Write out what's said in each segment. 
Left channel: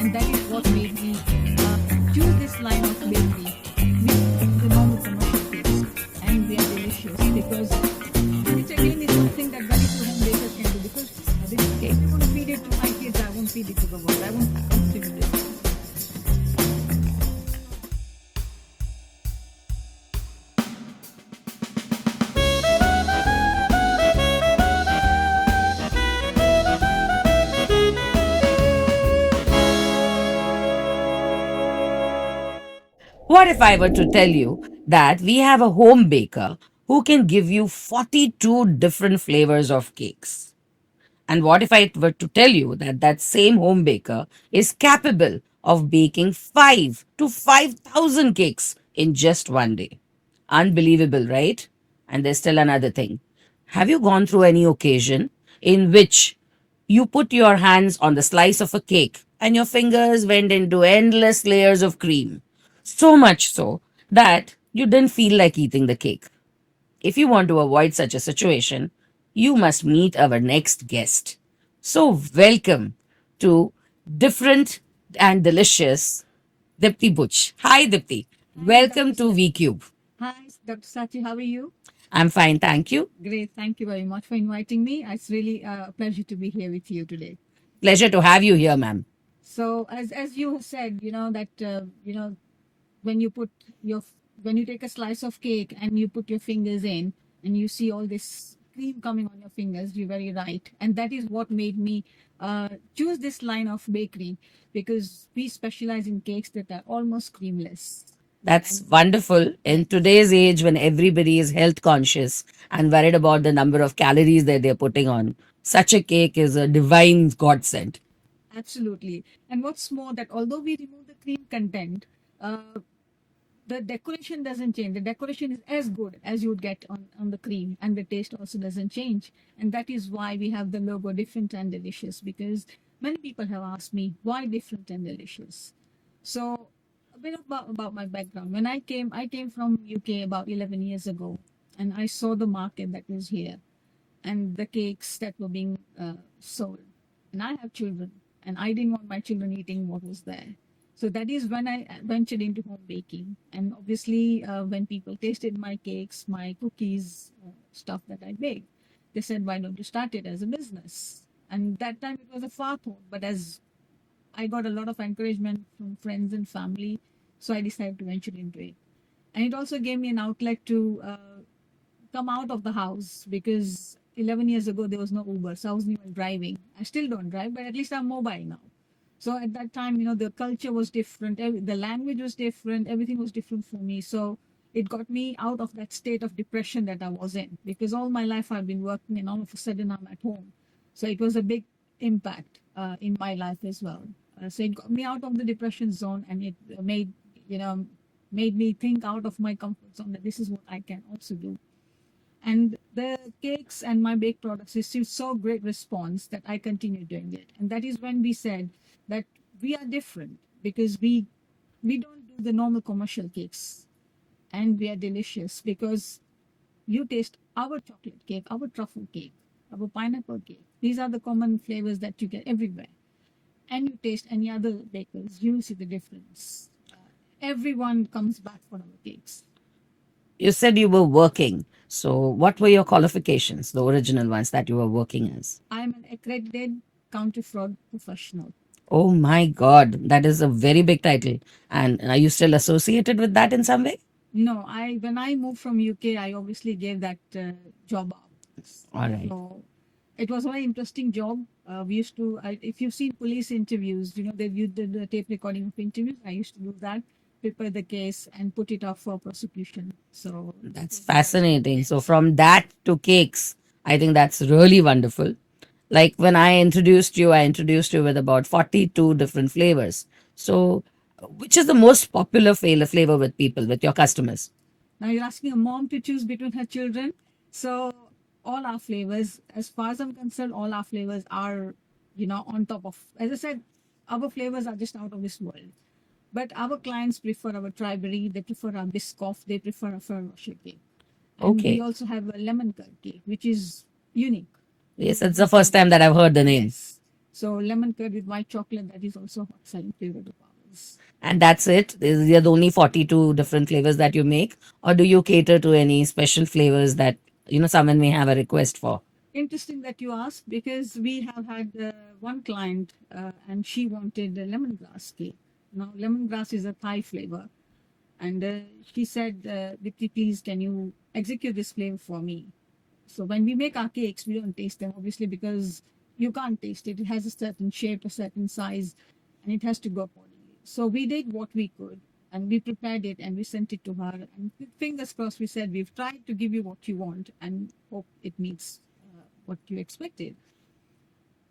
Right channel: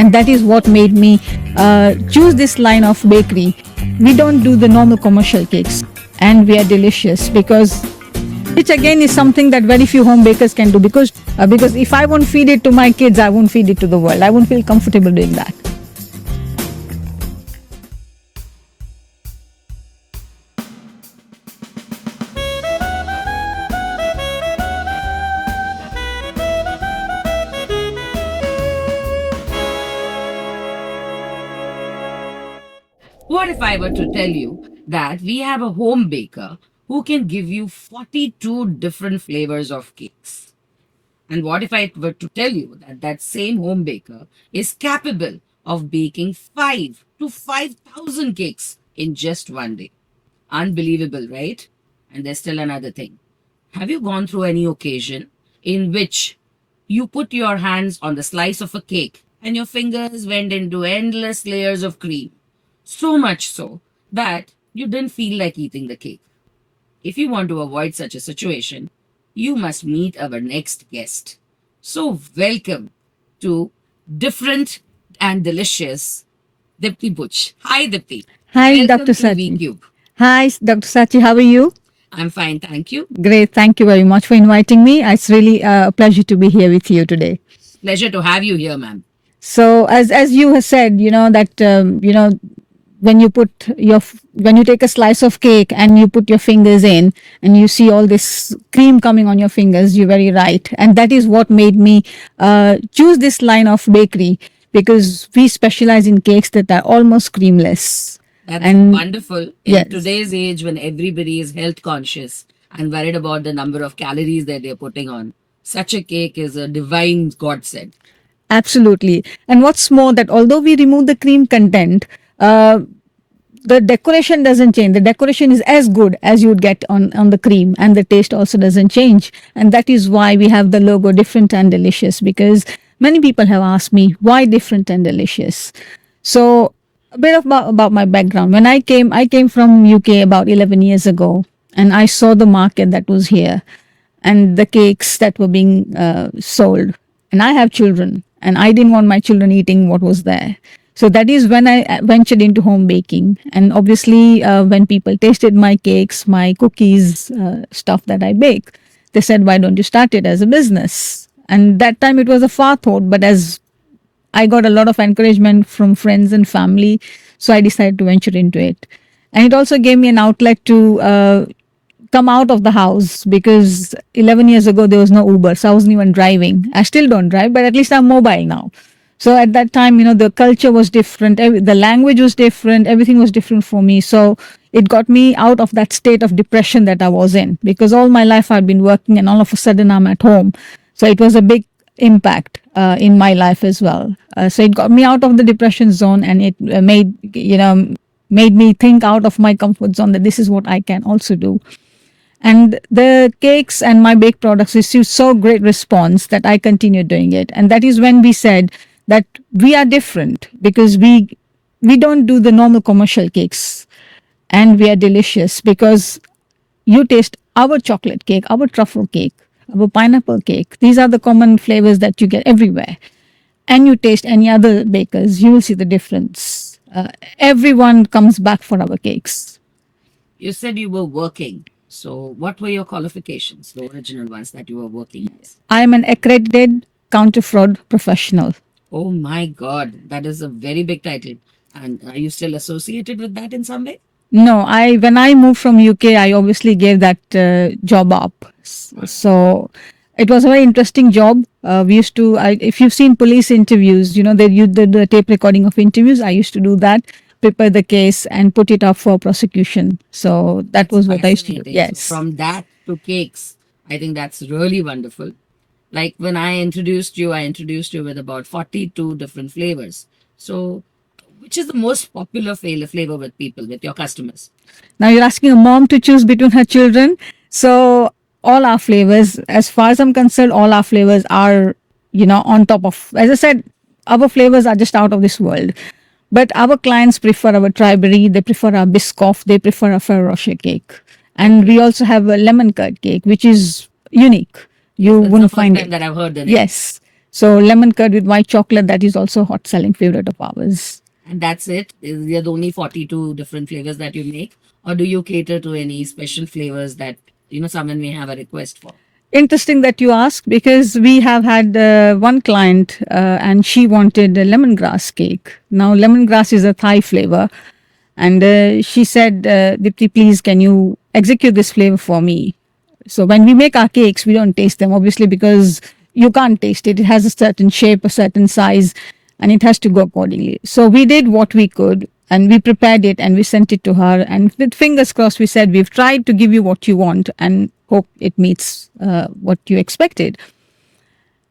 And that is what made me choose this line of bakery. We don't do the normal commercial cakes, and we are delicious because which again is something that very few home bakers can do because if I won't feed it to my kids, I won't feed it to the world. I won't feel comfortable doing that. What if I were to tell you that we have a home baker who can give you 42 different flavors of cakes? And what if I were to tell you that that same home baker is capable of baking 5 to 5,000 cakes in just one day? Unbelievable, right? And there's still another thing. Have you gone through any occasion in which you put your hands on the slice of a cake and your fingers went into endless layers of cream? So much so that you didn't feel like eating the cake. If you want to avoid such a situation, you must meet our next guest. So, welcome to Different and Delicious Dipti Butch. Hi, Dipti. Hi, Welcome Dr. to Sachi. VCube. Hi, Dr. Sachi. How are you? I'm fine, thank you. Great. Thank you very much for inviting me. It's really a pleasure to be here with you today. Pleasure to have you here, ma'am. So, as you have said, that when you when you take a slice of cake and you put your fingers in and you see all this cream coming on your fingers, you're very right, and that is what made me choose this line of bakery because we specialize in cakes that are almost creamless. That's wonderful. In Yes. today's age, when everybody is health conscious and worried about the number of calories that they're putting on, such a cake is a divine godsend. Absolutely. And what's more, that although we remove the cream content, the decoration doesn't change. The decoration is as good as you would get on the cream, and the taste also doesn't change. And that is why we have the logo Different and Delicious, because many people have asked me why Different and Delicious. So a bit about my background. When I came from UK about 11 years ago, and I saw the market that was here and the cakes that were being sold. And I have children, and I didn't want my children eating what was there. So that is when I ventured into home baking. And obviously, when people tasted my cakes, my cookies, stuff that I bake, they said, why don't you start it as a business? And that time it was a far thought, but as I got a lot of encouragement from friends and family, so I decided to venture into it. And it also gave me an outlet to come out of the house because 11 years ago there was no Uber, so I wasn't even driving. I still don't drive, but at least I'm mobile now. So at that time, the culture was different, the language was different, everything was different for me. So it got me out of that state of depression that I was in because all my life I've been working and all of a sudden I'm at home. So it was a big impact in my life as well. So it got me out of the depression zone, and it made me think out of my comfort zone that this is what I can also do. And the cakes and my baked products received so great response that I continued doing it. And that is when we said that we are different because we don't do the normal commercial cakes, and we are delicious because you taste our chocolate cake, our truffle cake, our pineapple cake. These are the common flavors that you get everywhere. And you taste any other bakers, you will see the difference. Everyone comes back for our cakes. You said you were working. So, what were your qualifications, the original ones that you were working as? I am an accredited counter fraud professional. Oh my God, that is a very big title. And are you still associated with that in some way? No, when I moved from UK, I obviously gave that job up. So it was a very interesting job. We used to, if you've seen police interviews, they use the tape recording of interviews. I used to do that, prepare the case, and put it up for prosecution. So that was what I used to do. Fascinating. Yes. So, from that to cakes, I think that's really wonderful. Like when I introduced you with about 42 different flavors. So, which is the most popular flavor with people, with your customers? Now you're asking a mom to choose between her children. So all our flavors, as far as I'm concerned, all our flavors are, on top of, as I said, our flavors are just out of this world. But our clients prefer our Triberry, they prefer our Biscoff, they prefer our Ferrero Rocher cake. And we also have a lemon curd cake, which is unique. Yes, it's the wouldn't first find time that I've heard the name. Yes. So lemon curd with white chocolate, that is also a hot selling favorite of ours. And that's it? These are the only 42 different flavors that you make? Or do you cater to any special flavors that, someone may have a request for? Interesting that you ask, because we have had one client and she wanted a lemongrass cake. Now, lemongrass is a Thai flavor. And she said, Dipti, please, can you execute this flavor for me? So when we make our cakes, we don't taste them, obviously, because you can't taste it. It has a certain shape, a certain size, and it has to go accordingly. So we did what we could, and we prepared it and we sent it to her. And with fingers crossed, we said, we've tried to give you what you want and hope it meets what you expected.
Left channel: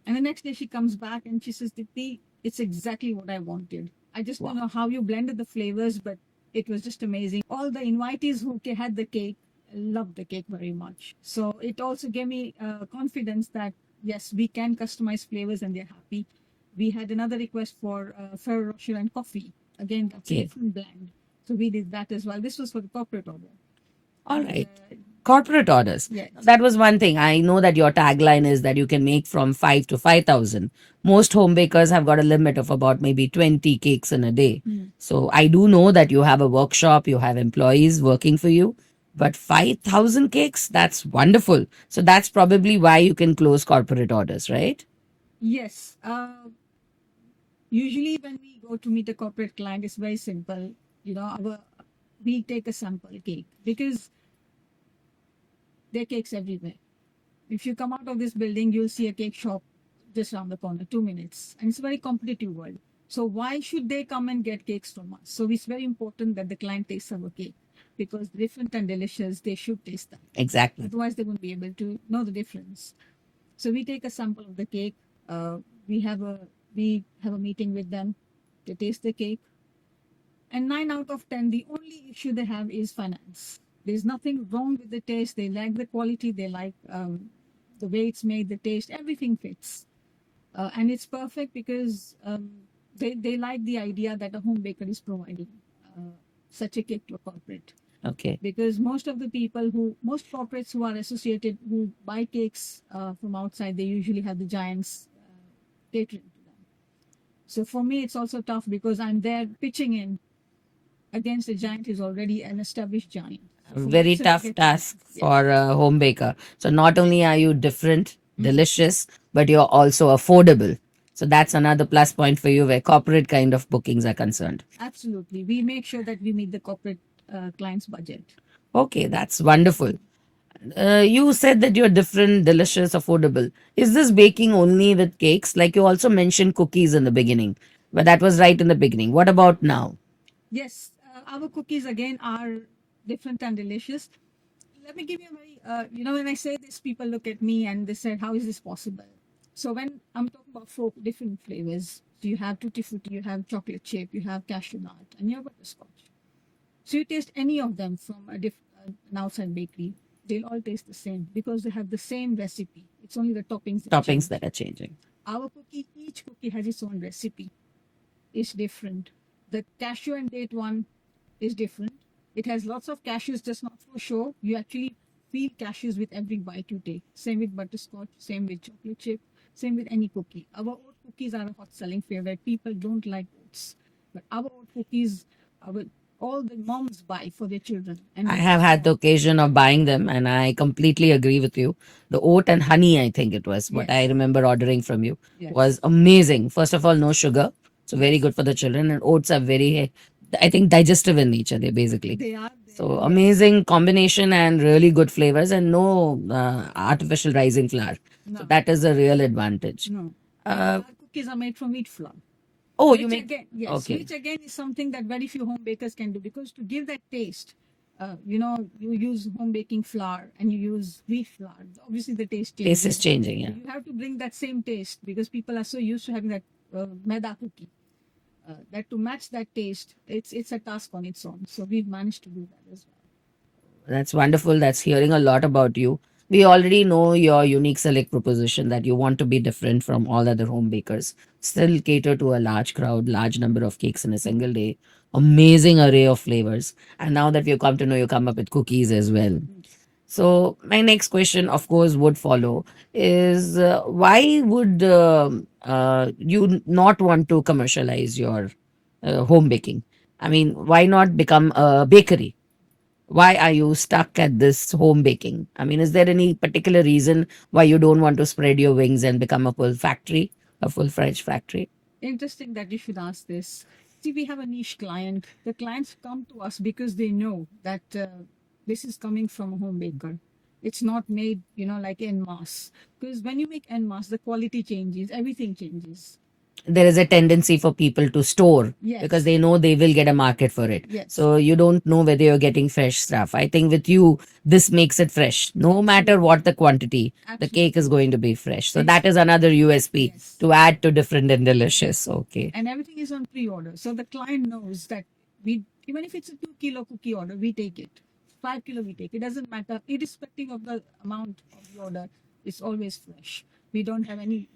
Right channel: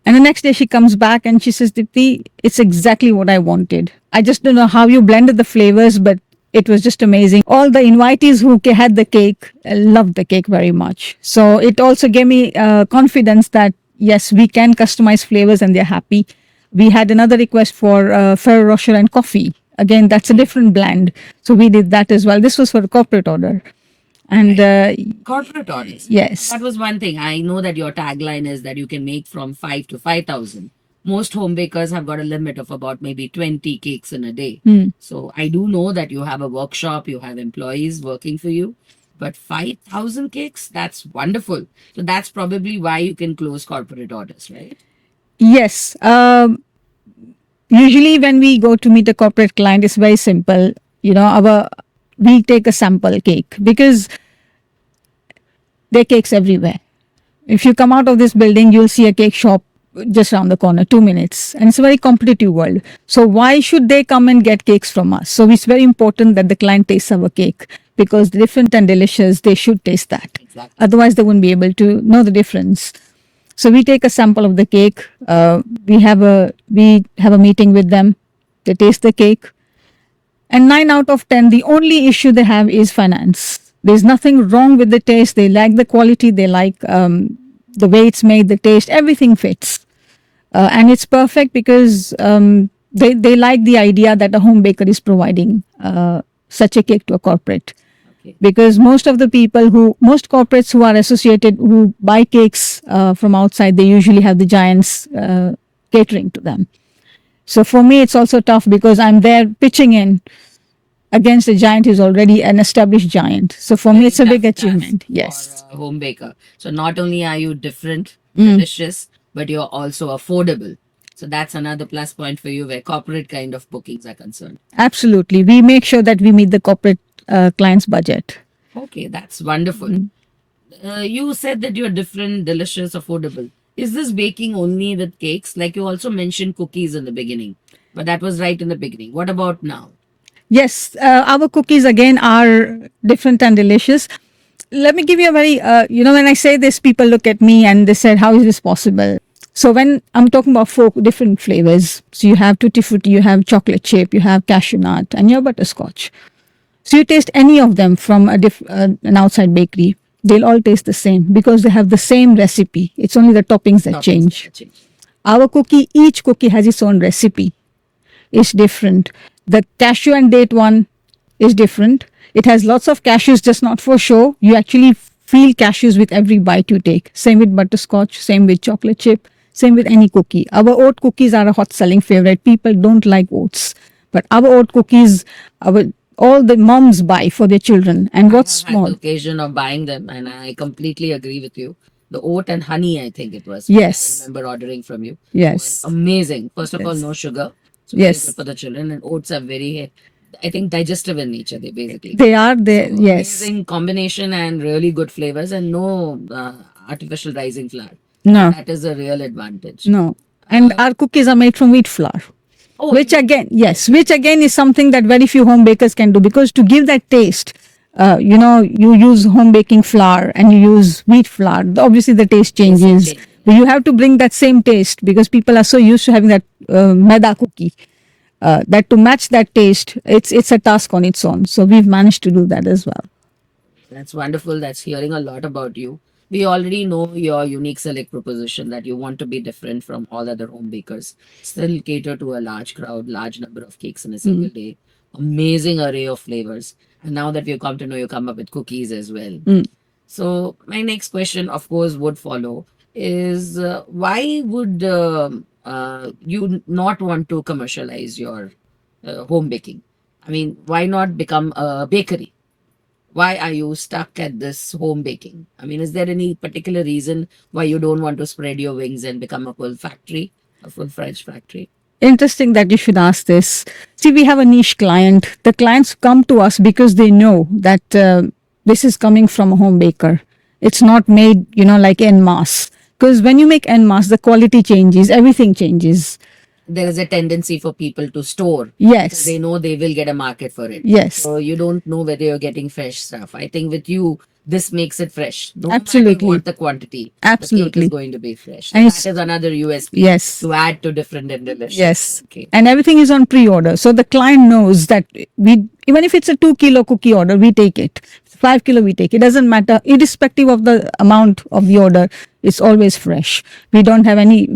And the next day she comes back and she says, Dipti, it's exactly what I wanted. I just don't know how you blended the flavors, but it was just amazing. All the invitees who had the cake loved the cake very much. So it also gave me confidence that, yes, we can customize flavors and they're happy. We had another request for Ferrero Rocher and coffee. Again, that's a different blend. So we did that as well. This was for a corporate order. And Corporate orders. yes. That was one thing. I know that your tagline is that you can make from 5 to 5,000. Most home bakers have got a limit of about maybe 20 cakes in a day. So I do know that you have a workshop, you have employees working for you, but 5,000 cakes, that's wonderful. So that's probably why you can close corporate orders, right? Yes. Usually when we go to meet a corporate client, it's very simple. We take a sample cake because there are cakes everywhere. If you come out of this building, you'll see a cake shop just around the corner, 2 minutes. And it's a very competitive world. So why should they come and get cakes from us? So it's very important that the client tastes our cake, because different and delicious, they should taste that. Exactly. Otherwise, they wouldn't be able to know the difference. So we take a sample of the cake. We have a meeting with them. They taste the cake. And 9 out of 10, the only issue they have is finance. There's nothing wrong with the taste. They like the quality. They like the way it's made, the taste, everything fits. And it's perfect because they like the idea that a home baker is providing such a cake to a corporate. Okay. Because most corporates who are associated, who buy cakes from outside, they usually have the giants catering to them. So for me, it's also tough because I'm there pitching in against a giant who's already an established giant. So for me, Very it's a big tough task achievement. Yes. for a home baker. So not only are you different, delicious, but you're also affordable. So that's another plus point for you where corporate kind of bookings are concerned. Absolutely. We make sure that we meet the corporate client's budget. Okay, that's wonderful. You said that you're different, delicious, affordable. Is this baking only with cakes? Like you also mentioned cookies in the beginning, but that was right in the beginning. What about now? Yes, our cookies again are different and delicious. Let me give you a very, when I say this, people look at me and they said, how is this possible? So when I'm talking about 4 different flavors, so you have tutti frutti, you have chocolate chip, you have cashew nut, and you have butterscotch. So you taste any of them from an outside bakery, they'll all taste the same because they have the same recipe. It's only the toppings that change. That are changing. Our cookie, each cookie has its own recipe. It's different. The cashew and date one is different. It has lots of cashews, just not for show. You actually feel cashews with every bite you take. Same with butterscotch, same with chocolate chip, same with any cookie. Our oat cookies are a hot selling favorite. People don't like oats, but our oat cookies, all the moms buy for their children. And I what's have had small? the occasion of buying them, and I completely agree with you. The oat and honey, I think it was, Yes. what I remember ordering from you, Yes. was amazing. First of all, no sugar, so very Yes. good for the children. And oats are very, I think, digestive in nature. They basically. They are there. So Yes. amazing combination and really good flavors, and no artificial rising flour. No. That is a real advantage. No. And our cookies are made from wheat flour. Oh, Which you- again, yes, which again is something that very few home bakers can do, because to give that taste, you use home baking flour and you use wheat flour. Obviously, the taste Taste is changes. changing, yeah. But you have to bring that same taste because people are so used to having that maida cookie. That to match that taste, it's a task on its own. So we've managed to do that as well. That's wonderful. That's hearing a lot about you. We already know your unique select proposition that you want to be different from all other home bakers. Still cater to a large crowd, large number of cakes in a single day. Amazing array of flavors. And now that we've come to know, you come up with cookies as well. So my next question, of course, would follow is why would you not want to commercialize your home baking? I mean, why not become a bakery? Why are you stuck at this home baking? I mean, is there any particular reason why you don't want to spread your wings and become a full factory, a full French factory? Interesting that you should ask this. See, we have a niche client. The clients come to us because they know that this is coming from a home baker. It's not made, like en masse. Because when you make en masse, the quality changes, everything changes. There is a tendency for people to store Yes. because they know they will get a market for it. Yes. So you don't know whether you're getting fresh stuff. I think with you, this makes it fresh. No matter Absolutely. what the quantity, the cake is Absolutely. going to be fresh. So And that it's- is another USP Yes. to add to different and delicious. Yes. Okay. And everything is on pre-order. So the client knows that even if it's a 2 kilo cookie order, we take it. 5 kilo, we take it. Doesn't matter. Irrespective of the amount of the order, it's always fresh. We don't have any,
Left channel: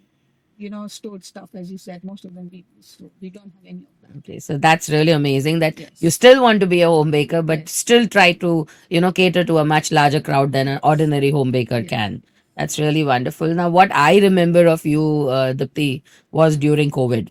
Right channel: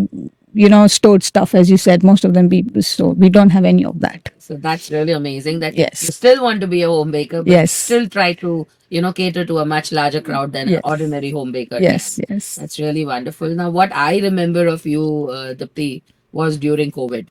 stored stuff, as you said. Most of them people store. We don't have any of that. Okay, so that's really amazing that Yes. you still want to be a home baker, but Yes. still try to, cater to a much larger crowd than an Yes. ordinary home baker Yes, can. yes. That's really wonderful. Now, what I remember of you, Dipti, was during COVID.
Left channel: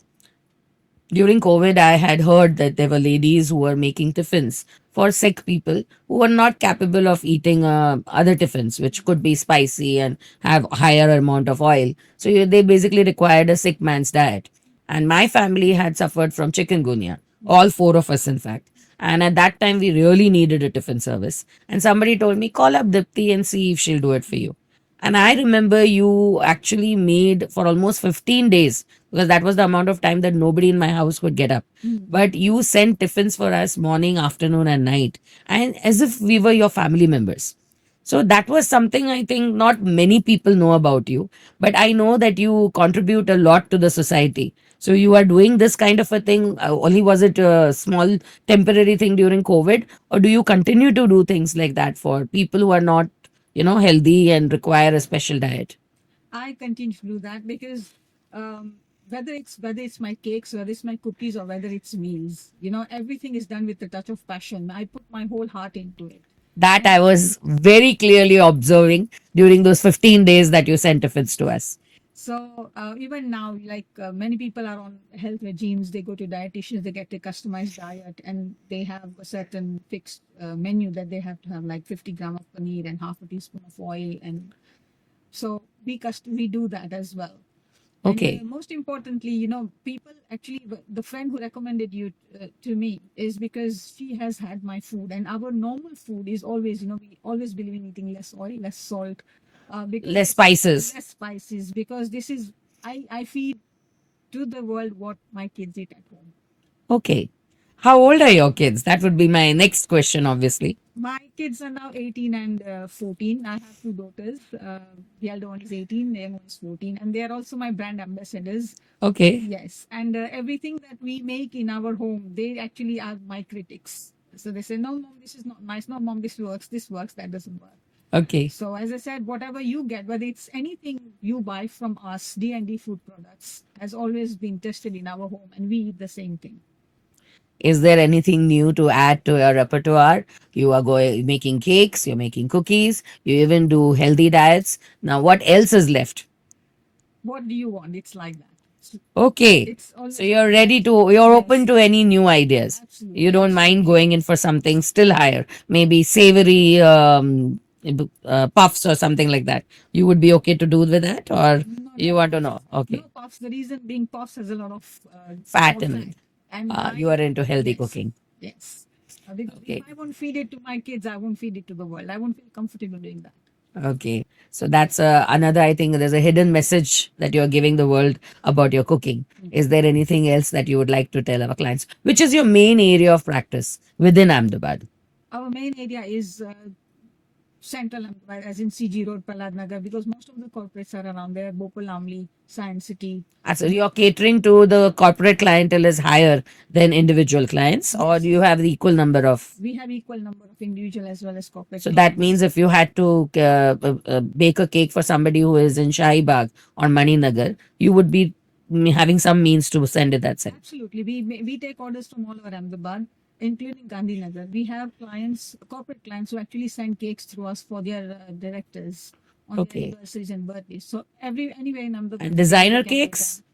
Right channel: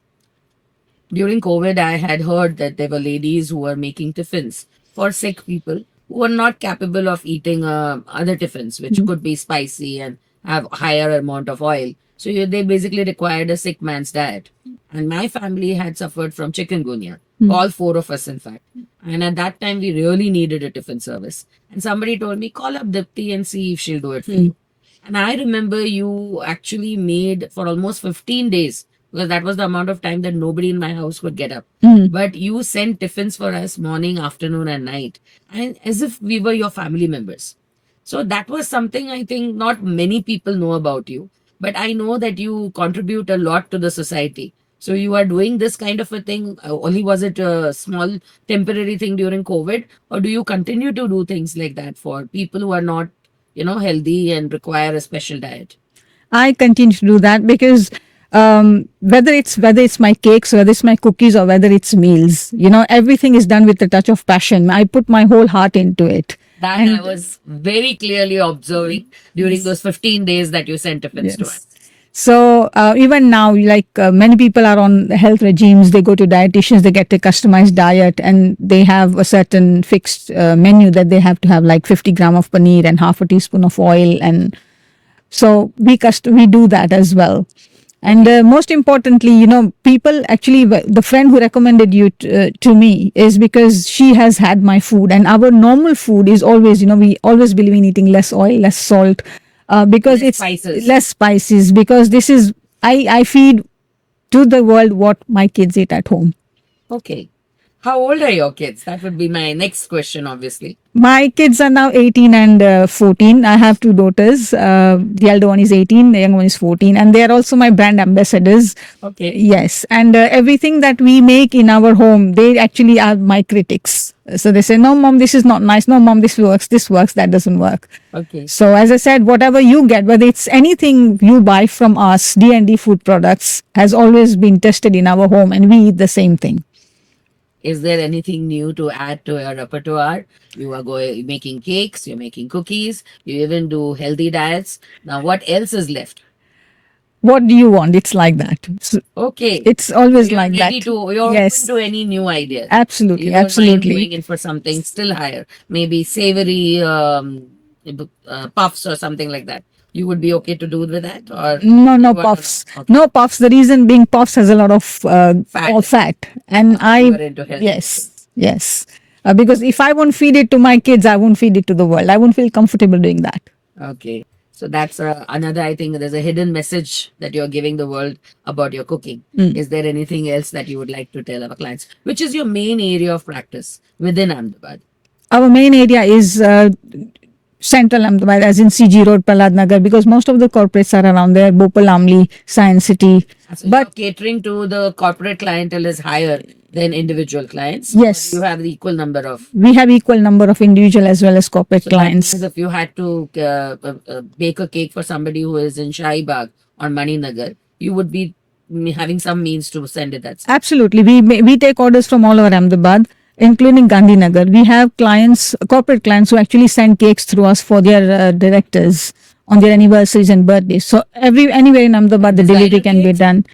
During COVID, I had heard that there were ladies who were making tiffins for sick people who were not capable of eating other tiffins, which could be spicy and have higher amount of oil. So they basically required a sick man's diet. And my family had suffered from chikungunya, all four of us, in fact. And at that time, we really needed a tiffin service. And somebody told me, call up Dipti and see if she'll do it for you. And I remember you actually made for almost 15 days because that was the amount of time that nobody in my house would get up. But you sent tiffins for us morning, afternoon, and night, and as if we were your family members. So that was something I think not many people know about you, but I know that you contribute a lot to the society. So you are doing this kind of a thing. Only was it a small temporary thing during COVID, or do you continue to do things like that for people who are not, healthy and require a special diet? I continue to do that because whether it's my cakes, whether it's my cookies, or whether it's meals, everything is done with a touch of passion. I put my whole heart into it. That I was very clearly observing during those 15 days that you sent tiffins to Yes. us. So even now, like many people are on health regimes, they go to dietitians, they get a customized diet, and they have a certain fixed menu that they have to have, like 50 gram of paneer and half a teaspoon of oil, and so we do that as well. And Okay. most importantly, people actually, the friend who recommended you to me is because she has had my food, and our normal food is always, we always believe in eating less oil, less salt, because Less it's spices. less spices, because this is, I feed to the world what my kids eat at home. Okay. How old are your kids? That would be my next question, obviously. My kids are now 18 and 14. I have two daughters. The elder one is 18, the younger one is 14, and they are also my brand ambassadors. Okay. Yes, and everything that we make in our home, they actually are my critics. So they say, "No, mom, this is not nice. No, mom, this works. This works. That doesn't work." Okay. So as I said, whatever you get, whether it's anything you buy from us, D&D Food Products has always been tested in our home, and we eat the same thing. Is there anything new to add to your repertoire? You are making cakes, you're making cookies, you even do healthy diets. Now, what else is left? What do you want? It's like that. So Okay. it's So always you're like ready that. you're Yes. open to any new ideas. Absolutely, You don't mind absolutely. going in for something still higher, maybe savory puffs or something like that. You would be okay to do with that, or No, you no want puffs. to know? Okay. No puffs. The reason being puffs has a lot of Fat in it. fat, and You are into healthy yes, cooking. yes. Because if I won't feed it to my kids, I won't feed it to the world. I won't feel comfortable doing that. Okay. So that's another, I think there's a hidden message that you're giving the world about your cooking. Is there anything else that you would like to tell our clients? Which is your main area of practice within Ahmedabad? Our main area is Central Ahmedabad, as in CG Road, Prahlad Nagar, because most of the corporates are around there. Bhopal, Amli, Science City. So But- you're catering to the corporate clientele is higher than individual clients, or Yes. do you have the equal number of? We have equal number of individual as well as corporate So that clients. means if you had to bake a cake for somebody who is in Shahi Bagh or Maninagar, you would be having some means to send it that side. Absolutely. We take orders from all over Ahmedabad. including Gandhinagar. We have clients, corporate clients, who actually send cakes through us for their directors on their anniversaries and birthdays. So anywhere in Ahmedabad, the Designer delivery can be cakes? done.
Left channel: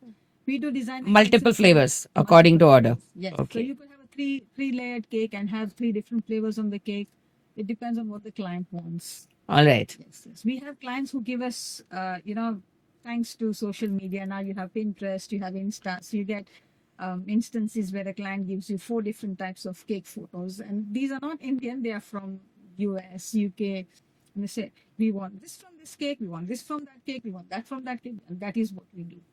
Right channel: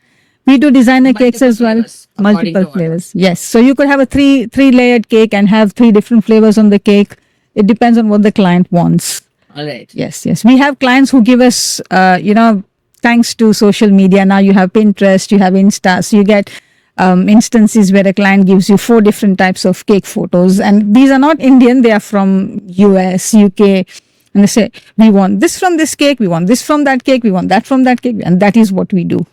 We do designer cakes Multiple as well. flavors according to Multiple order. flavors. Yes. So you could have a three layered cake and have 3 different flavors on the cake. It depends on what the client wants. All right. Yes, yes. We have clients who give us, thanks to social media. Now you have Pinterest, you have Insta. So you get instances where a client gives you 4 different types of cake photos. And these are not Indian, they are from US, UK. And they say, we want this from this cake, we want this from that cake, we want that from that cake. And that is what we do.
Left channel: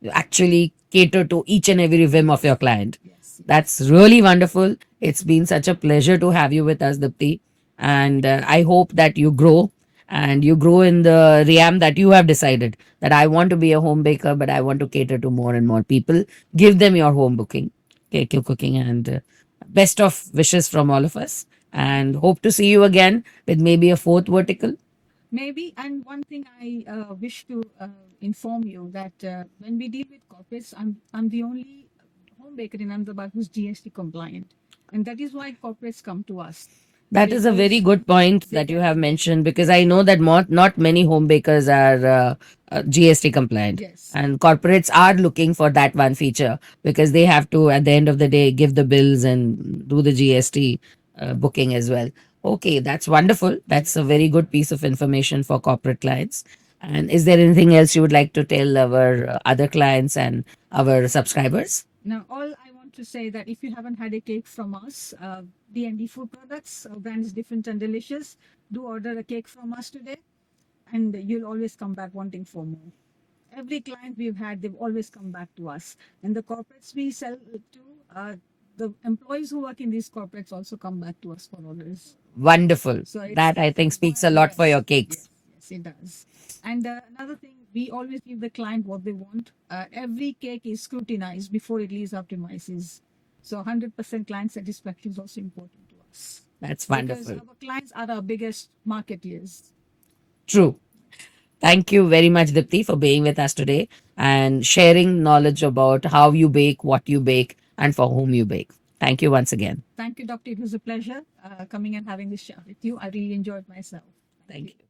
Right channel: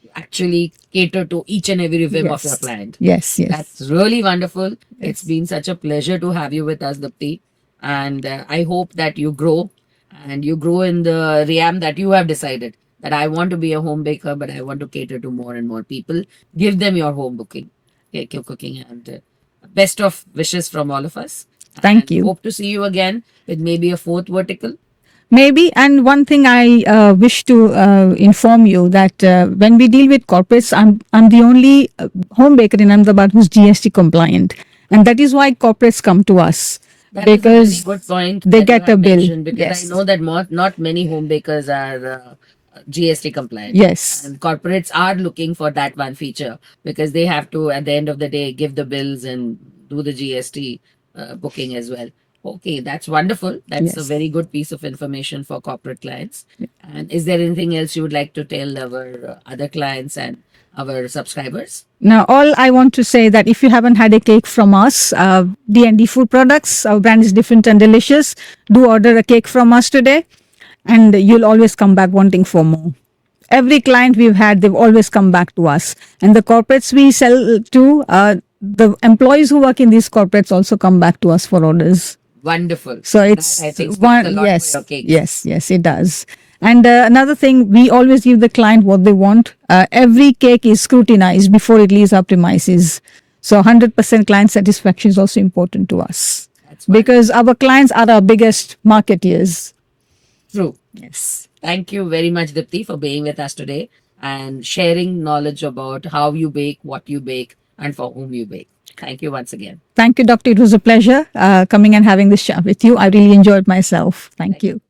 You actually cater to each and every whim of your client. Yes, yes. That's really wonderful. It's been such a pleasure to have you with us, Dipti. And I hope that you grow and you grow in the realm that you have decided that I want to be a home baker, but I want to cater to more and more people. Give them your home cooking, and best of wishes from all of us. Thank And you. hope to see you again with maybe a 4th vertical. Maybe. And one thing I wish to inform you that when we deal with corporates, I'm the only home baker in Ahmedabad who's GST compliant. And that is why corporates come to us. That is a very Because good point they that get you have a bill. mentioned, because I Yes. know that not many home bakers are GST compliant. Yes. And corporates are looking for that one feature because they have to, at the end of the day, give the bills and do the GST booking as well. Okay, that's wonderful. That's a Yes. very good piece of information for corporate clients. And is there anything else you would like to tell our other clients and our subscribers? Now, all I want to say that if you haven't had a cake from us, D&D Food Products, our brand is different and delicious. Do order a cake from us today, and you'll always come back wanting for more. Every client we've had, they've always come back to us. And the corporates we sell to, the employees who work in these corporates also come back to us for orders. Wonderful. So it's that I think speaks a lot for your cake. Yes, yes, it does. And another thing, we always give the client what they want. Every cake is scrutinized before it leaves our premises. So 100% client satisfaction is also important to us. That's wonderful. Because our clients are our biggest marketeers. True. Yes. Thank you very much, Dipti, for being with us today and sharing knowledge about how you bake, what you bake, and for whom you bake. Thank you once again. Thank you, Doctor. It was a pleasure coming and having this chat with you. I really enjoyed myself. Thank you.